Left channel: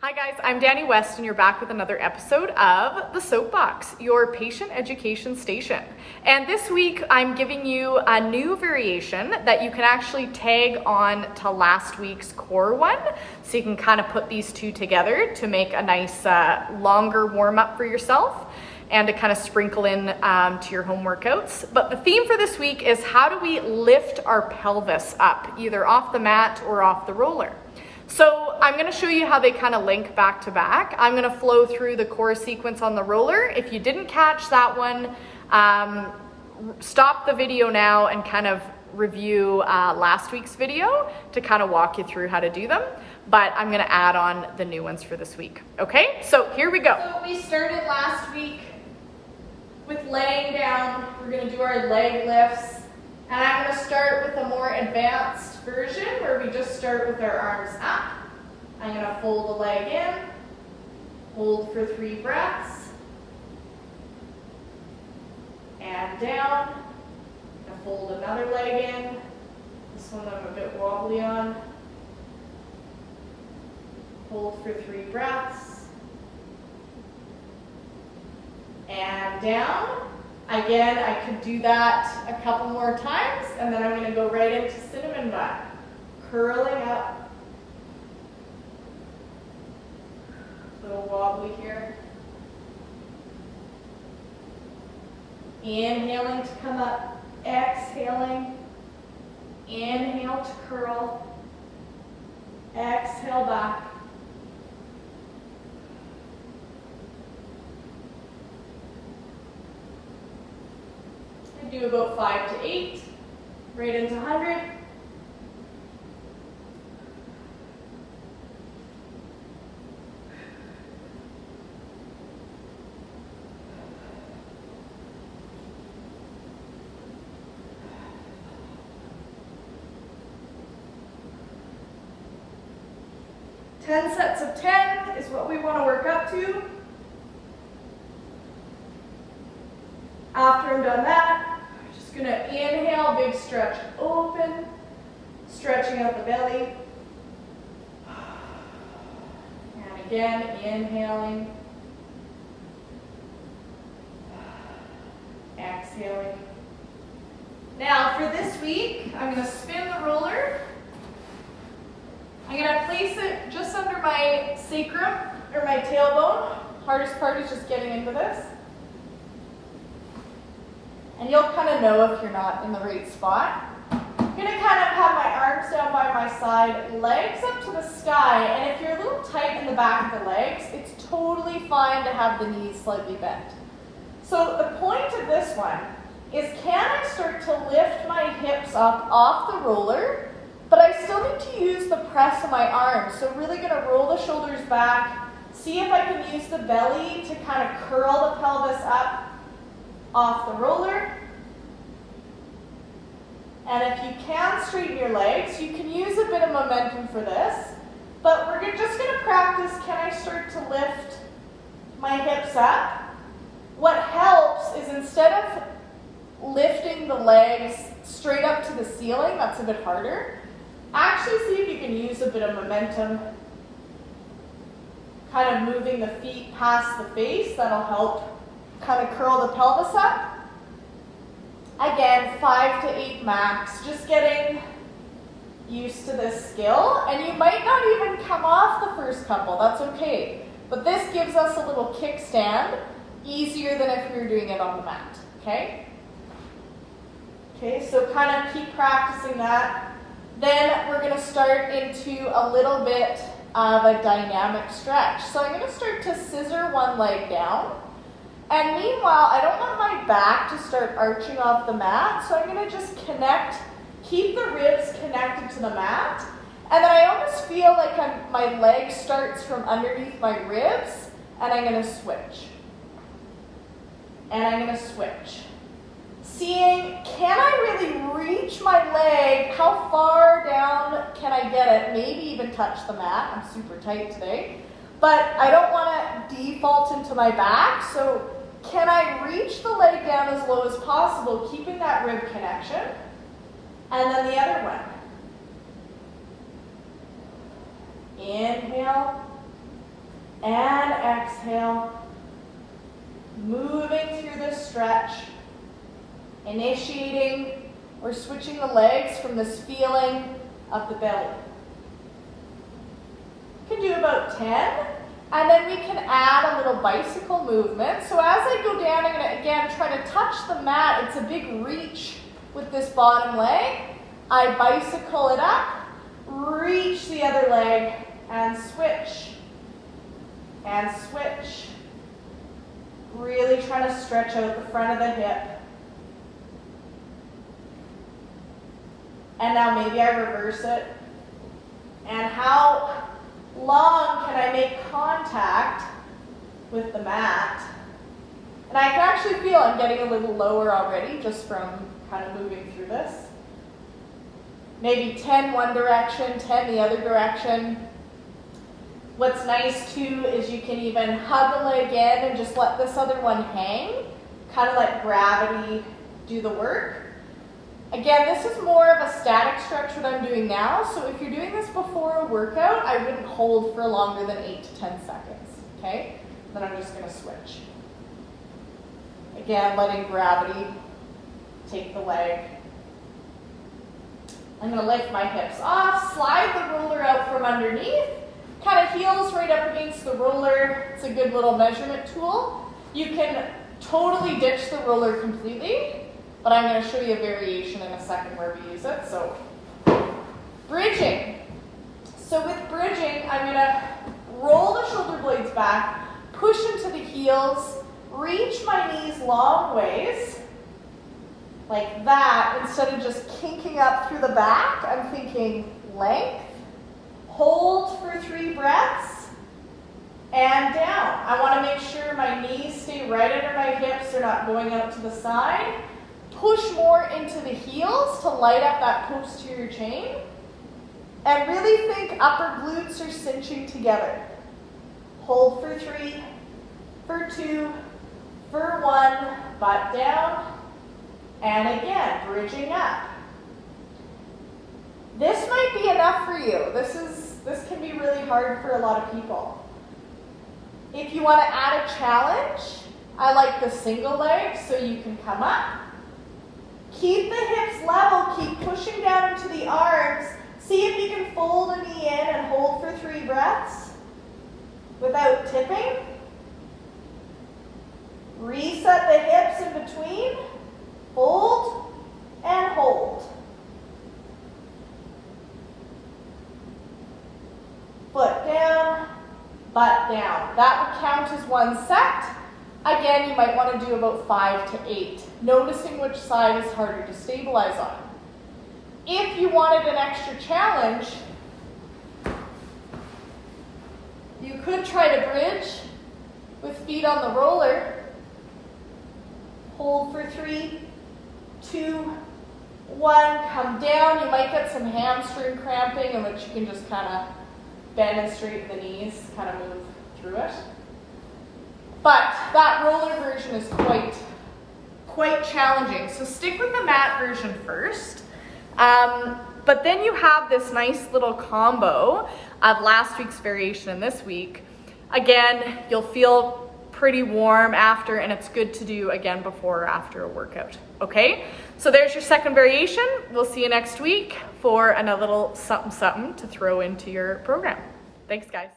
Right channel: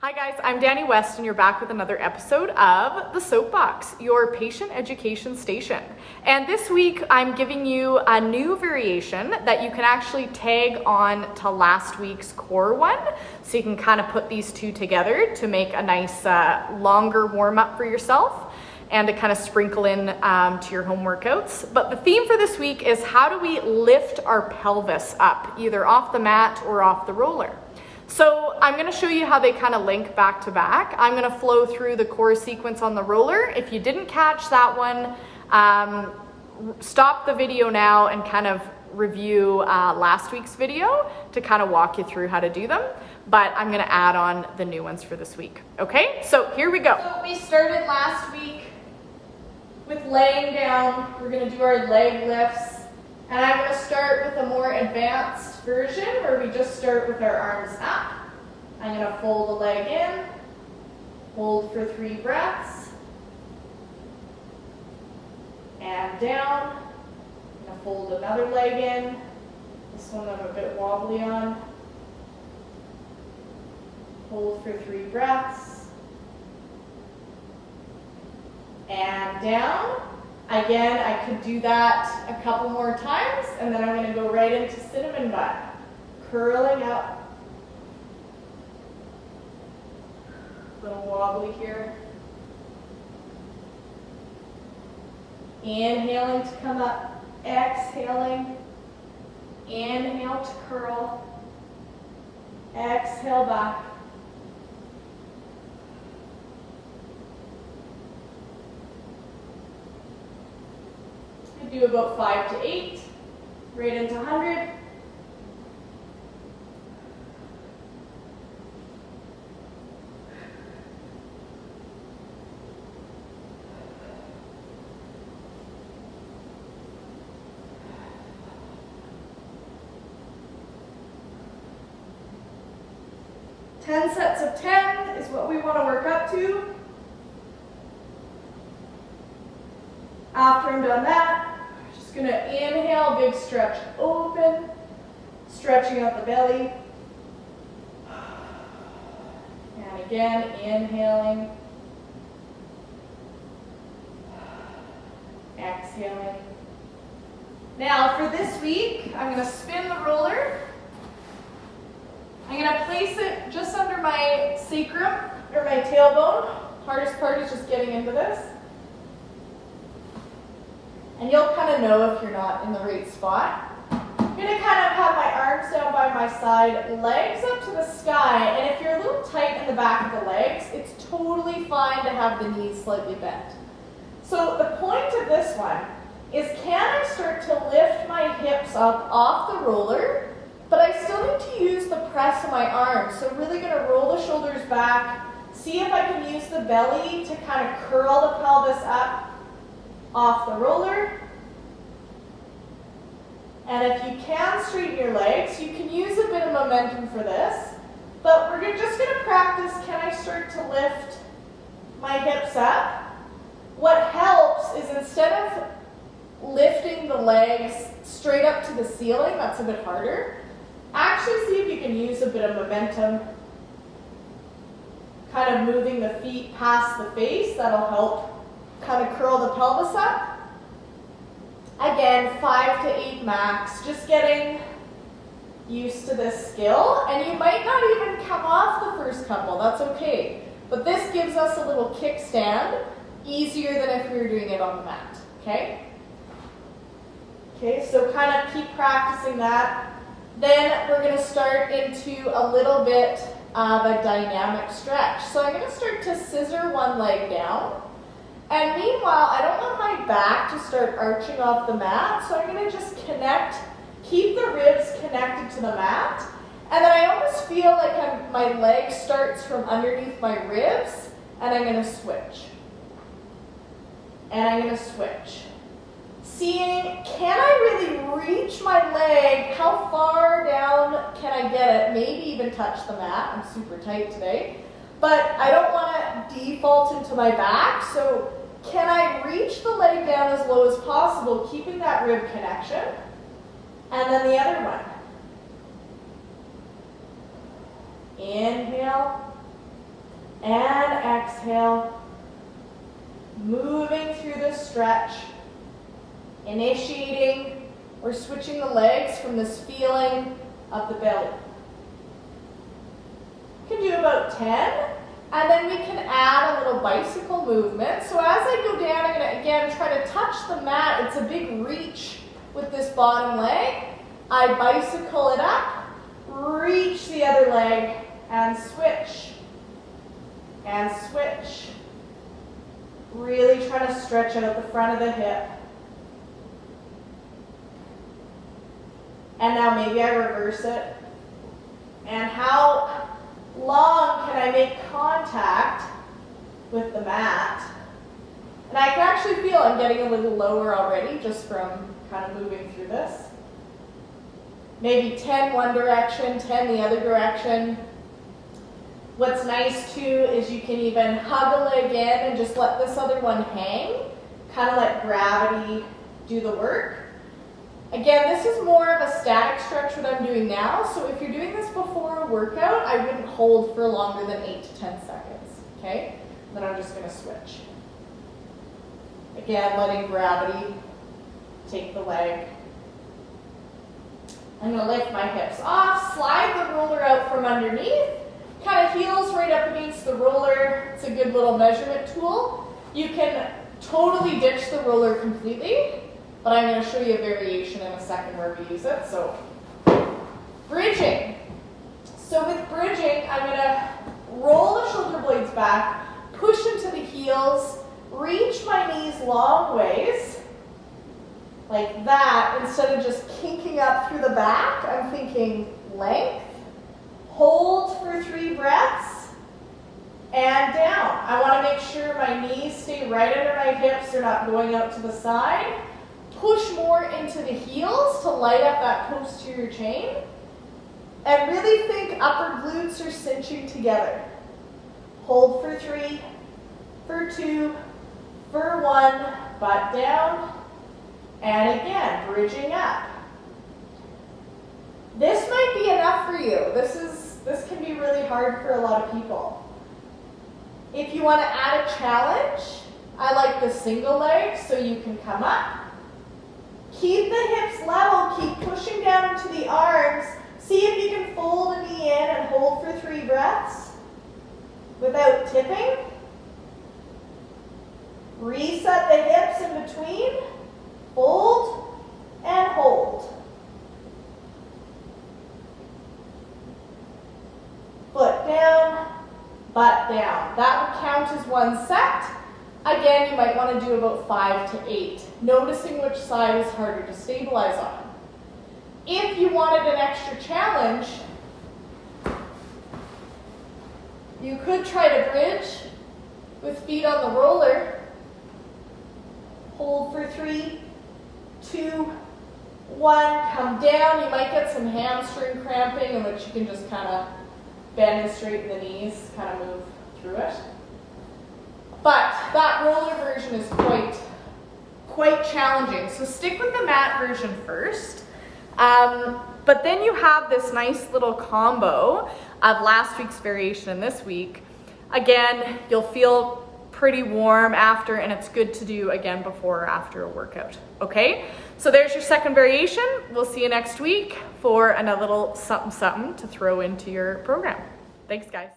Hi guys, I'm Danny West and you're back with another episode of the Soapbox, your patient education station. And this week I'm giving you a new variation that you can actually tag on to last week's core one. So you can kind of put these two together to make a nice longer warm up for yourself and to kind of sprinkle in to your home workouts. But the theme for this week is how do we lift our pelvis up, either off the mat or off the roller. So I'm going to show you how they kind of link back to back. I'm going to flow through the core sequence on the roller. If you didn't catch that one, stop the video now and kind of review last week's video to kind of walk you through how to do them. But I'm going to add on the new ones for this week. Okay, so here we go. So we started last week with laying down. We're going to do our leg lifts. And I'm going to start with a more advanced version where we just start with our arms up. I'm going to fold the leg in, hold for 3 breaths, and down. I'm going to fold another leg in. This one I'm a bit wobbly on. Hold for 3 breaths, and down. Again, I could do that a couple more times, and then I'm going to go right into cinnamon bun, curling up. A little wobbly here. Inhaling to come up, exhaling. Inhale to curl, exhale back. Do about 5 to 8, right into 100. Ten sets of 10 is what we want to work up to. After I'm done that, just going to inhale, big stretch open, stretching out the belly. And again, inhaling, exhaling. Now for this week, I'm going to spin the roller. I'm going to place it just under my sacrum or my tailbone. Hardest part is just getting into this. And you'll kind of know if you're not in the right spot. I'm going to kind of have my arms down by my side, legs up to the sky, and if you're a little tight in the back of the legs, it's totally fine to have the knees slightly bent. So the point of this one is, can I start to lift my hips up off the roller, but I still need to use the press of my arms. So really going to roll the shoulders back, see if I can use the belly to kind of curl the pelvis up off the roller. And if you can straighten your legs, you can use a bit of momentum for this, but we're just going to practice, can I start to lift my hips up? What helps is, instead of lifting the legs straight up to the ceiling, that's a bit harder, actually see if you can use a bit of momentum, kind of moving the feet past the face. That'll help kind of curl the pelvis up. Again, 5 to 8 max, just getting used to this skill. And you might not even come off the first couple, that's okay. But this gives us a little kickstand, easier than if we were doing it on the mat, okay? Okay, so kind of keep practicing that. Then we're gonna start into a little bit of a dynamic stretch. So I'm gonna start to scissor one leg down. And meanwhile, I don't want my back to start arching off the mat, so I'm going to just keep the ribs connected to the mat, and then I almost feel like my leg starts from underneath my ribs, and I'm going to switch. And I'm going to switch. Seeing, can I really reach my leg? How far down can I get it? Maybe even touch the mat. I'm super tight today. But I don't want to default into my back, so can I reach the leg down as low as possible, keeping that rib connection? And then the other one. Inhale, and exhale. Moving through this stretch, initiating or switching the legs from this feeling of the belly. You can do about 10, and then we can add a little bicycle movement. So as I go down, I'm going to again try to touch the mat. It's a big reach with this bottom leg. I bicycle it up, reach the other leg, and switch. And switch. Really trying to stretch out the front of the hip. And now maybe I reverse it. And how long can I make contact with the mat? And I can actually feel I'm getting a little lower already just from kind of moving through this. Maybe 10 one direction, 10 the other direction. What's nice too is you can even hug a leg in and just let this other one hang, kind of let gravity do the work. Again, this is more of a static stretch what I'm doing now, so if you're doing this before a workout, I wouldn't hold for longer than 8 to 10 seconds, okay? Then I'm just gonna switch. Again, letting gravity take the leg. I'm gonna lift my hips off, slide the roller out from underneath, kind of heels right up against the roller. It's a good little measurement tool. You can totally ditch the roller completely, but I'm going to show you a variation in a second where we use it. So, bridging. So with bridging, I'm going to roll the shoulder blades back, push into the heels, reach my knees long ways, like that. Instead of just kinking up through the back, I'm thinking length. Hold for 3 breaths, and down. I want to make sure my knees stay right under my hips, they're not going out to the side. Push more into the heels to light up that posterior chain. And really think upper glutes are cinching together. Hold for 3, for 2, for 1, butt down, and again, bridging up. This might be enough for you. This can be really hard for a lot of people. If you want to add a challenge, I like the single leg, so you can come up. Keep the hips level, keep pushing down into the arms. See if you can fold a knee in and hold for 3 breaths without tipping. Reset the hips in between. Fold and hold. Foot down, butt down. That would count as 1 set. Again, you might want to do about 5 to 8, noticing which side is harder to stabilize on. If you wanted an extra challenge, you could try to bridge with feet on the roller. Hold for 3, 2, 1, come down. You might get some hamstring cramping, in which you can just kind of bend and straighten the knees, kind of move through it. But that roller version is quite challenging. So stick with the mat version first. But then you have this nice little combo of last week's variation and this week. Again, you'll feel pretty warm after, and it's good to do again before or after a workout. Okay? So there's your second variation. We'll see you next week for another little something to throw into your program. Thanks, guys.